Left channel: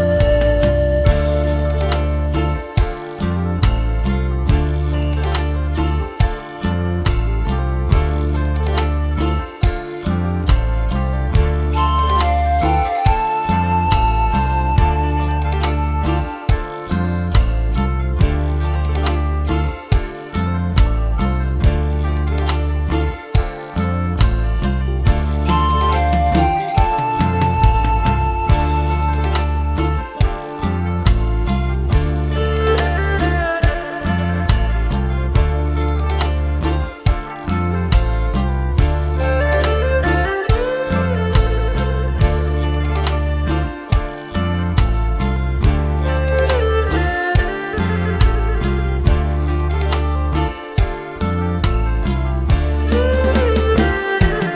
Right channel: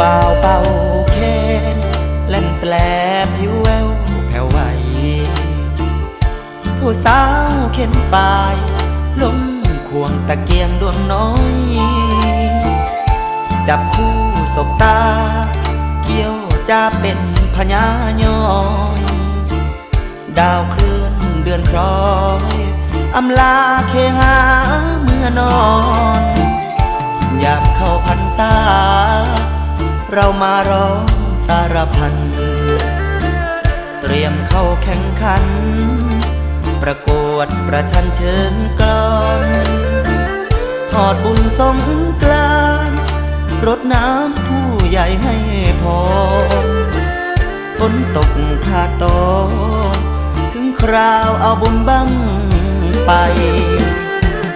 บ่าวเป่าแค้นเล่นแปลผิวแววแผ่วไหวผู้สาวเข็นปลายล้มควงตะเกียงดวงน้อยจับผู้สบตาเกี่ยวจะเป็นพญายอยดาวเคลื่อนเดือนคล้อยอำลาเคหาเมื่อนอนอยากเข้าพรรษาเรามาร้องสารพันเตรียมเข้าแข่งขันประกวดประชันเชิงกลอนทอดบุญสงกรานต์รดน้ำผู้ใหญ่ให้พรฝนตกขาดตกถึงคราวเอาบุญบั้งไป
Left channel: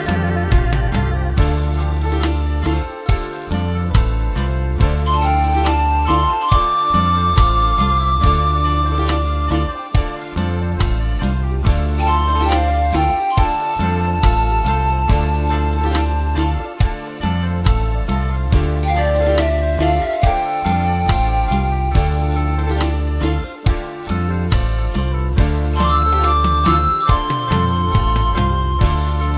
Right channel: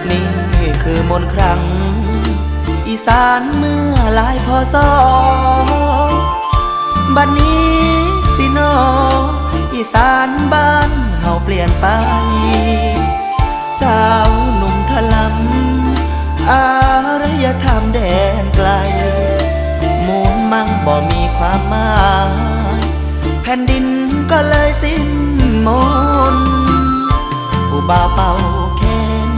นี่คือมนต์ครั้งอีสานเมื่อหลายพศบัดนี้สินออีสานบ้านเฮาเปลี่ยนไปสาวหนุ่มทะลักอารยธรรมแดนไกลมูลมั่งบ่มีความหมายแผ่นดินก็เลยสิ้นมนต์ผู้บ่าวเป่าแค้น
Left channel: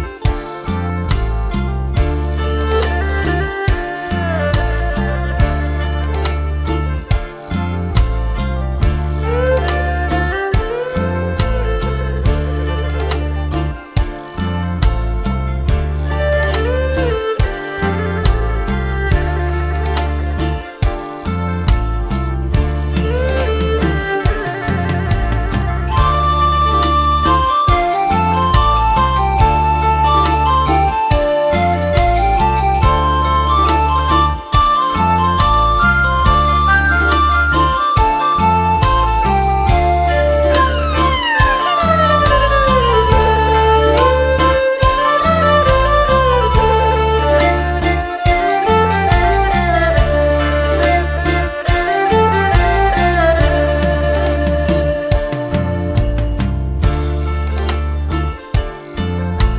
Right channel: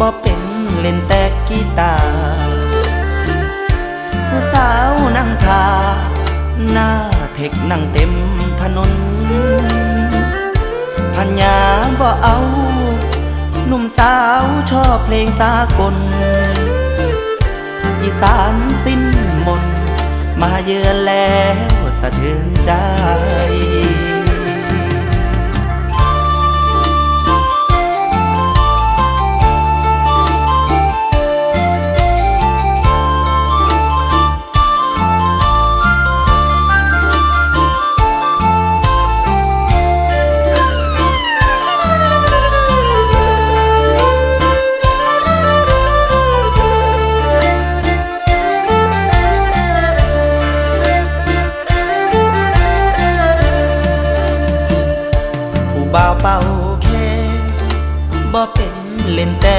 บ่เป็นเล่นแต่กีตาร์ผู้สาวนั่งทาหน้าเทคนั่งเต็มถนนพันยาบ่เอาหนุ่มสาวชอบเพลงสากลอีสานสิ้นมนต์มาเยือนแล้วสะเทือนใจเป่าแค้นบ่เป็นเล่นแต่